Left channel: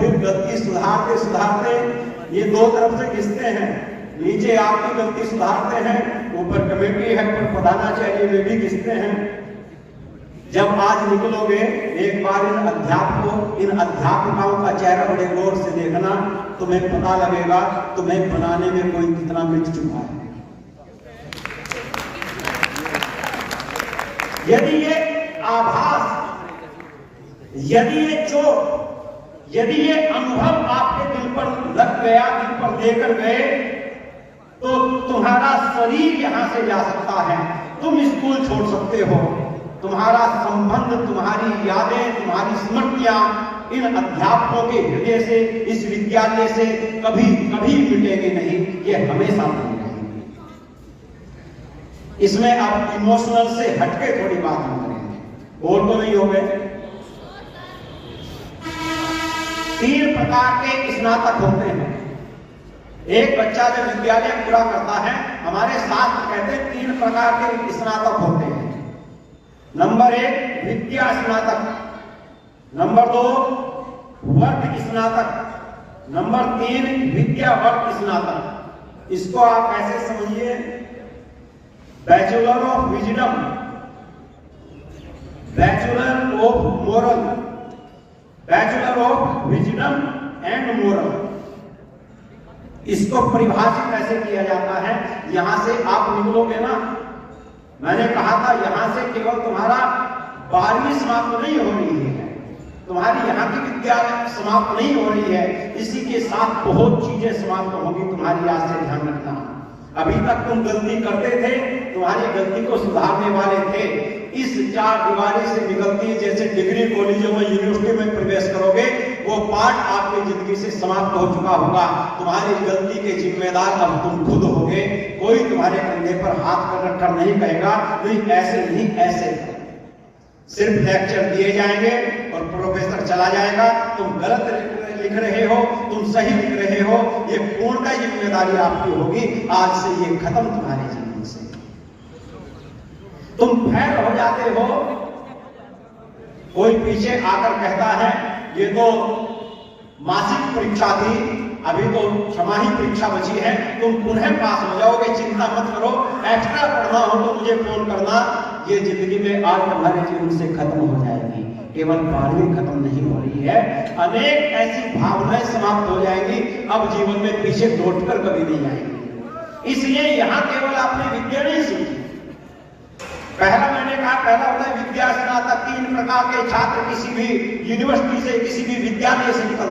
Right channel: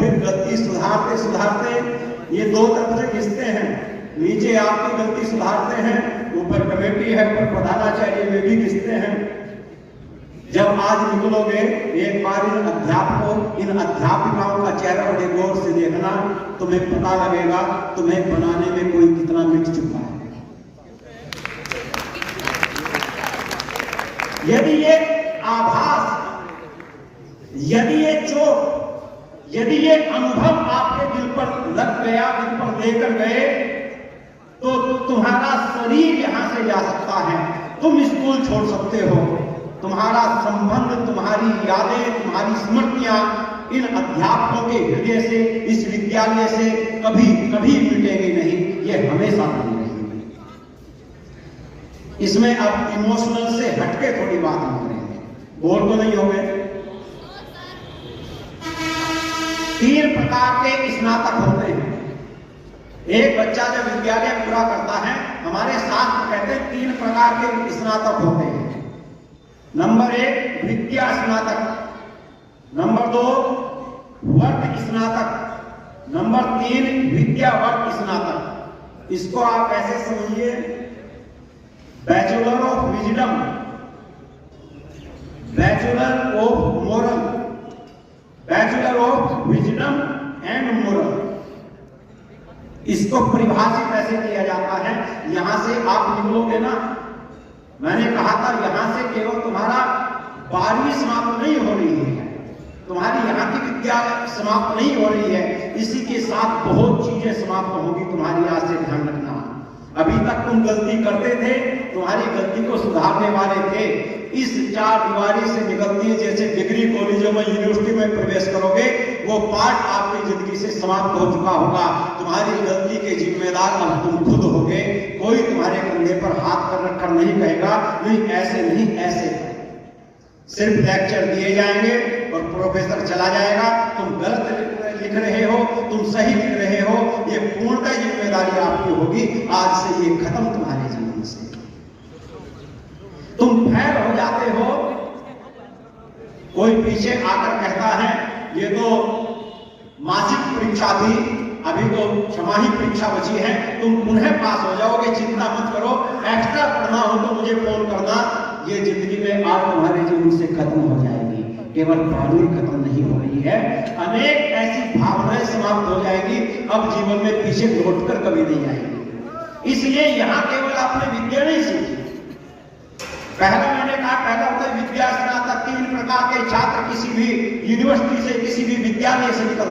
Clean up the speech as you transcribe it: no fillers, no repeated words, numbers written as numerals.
फिर गलती सुधारते सुधारते ये दो तरफ से घिसते हैं। नीचे आपकी गलती सुधारते हैं, ऊपर कमेटी है पर प्रधानाचार्य में भी घिसते हैं। जब आज निकलोगे एक बार इन अध्यापिकाओं का चेहरा बड़े गौर से देखना, तुम्हें पता लगेगा तुम्हें बनाने में कोई कितना मिट चुका है। यदि ये आभास, यदि ये चोट, यदि ये अनुभव आपके दिल पर लग गया, दिल पर देकर गए, तो तुम्हारा शरीर यहां से जा सकता है, तुम स्कूल छोड़ सकते हो, तुम्हारा संबंध, तुम्हारी यादें, तुम्हारी स्मृतियां इन अध्यापकों के हृदय से, इस विद्यालय से कभी कभी मिटेंगे नहीं, ये हमेशा बनी रहेंगे। इसमें अब इमोशनल से हटके थोड़ी बात हम करेंगे, बोर तो नहीं हो गए। 3 प्रकार के स्नातक होते हैं। एक बच्चा जब विद्यालय पूरा करता है, हमारे शास्त्र कहते हैं 3 प्रकार के स्नातक होते हैं। नंबर 1 विद्या स्नातक, नंबर 2 वर्ग स्नातक, नंबर 3 विद्या वर्ग स्नातक। इसको आप कैसे समझिए? Bachelor of wisdom, bachelor of moral, bachelor of wisdom and moral. इसको परिभाषित कैसे किया जाता है? यहां से आप निकलोगे ना, मैंने कहा था यहां से केवल तुम्हारा 12वीं समाप्त नहीं हो रही है, तुम्हारी यहाँ की विद्या समाप्त नहीं हो रही है, इसी के साथ बहुत चीजें समाप्त होंगी तुम्हारी। आज से ध्यान रखना, अभी तक तुम गलती करते थे, तुम्हारी गलती को सुधारने वाले थे। इस 4 दीवारी से निकलती, जैसे डिग्री कॉलेजों में, यूनिवर्सिटी में प्रवेश करोगे, वो पार्ट आपकी जिंदगी से समाप्त हो चुका होगा। तुम्हारी गलती के जिम्मेदार अब तुम खुद होगे। कोई तुम्हारे कंधे पर हाथ कर रखकर नहीं कहेगा नहीं ऐसे नहीं ऐसे। सिर्फ लेक्चर दिए जाएंगे और प्रोफेसर चला जाएगा, तुम गलत लिख रहे हो, तुम सही लिख रहे हो, ये पूर्णतः जिम्मेदारी आपकी होगी। आज से ये खत्म तुम्हारे जीवन से। तुम फेल हो जाते हो, कोई पीछे आकर कहता है ये तो मासिक परीक्षा थी, अभी तो छमाही परीक्षा बची है, तुम पुनः पास हो जाओगे, चिंता मत करो, एक्स्ट्रा पढ़ना हो तो मुझे फोन करना। ये जिंदगी में आज तुम्हारे जीवन से खत्म हो जाएगी। केवल 12वीं खत्म नहीं हो रही है, अनेक ऐसी भावनाएं समाप्त हो जाएंगी, अब जीवन में पीछे लौटकर कभी नहीं आएंगी। इसलिए यहां केवल आपने विद्या नहीं सीखी। पहला मैंने कहा, पहला होता है विद्या स्नातक। 3 प्रकार के छात्र किसी भी यूनिवर्सिटी से, किसी भी विद्यालय से निकल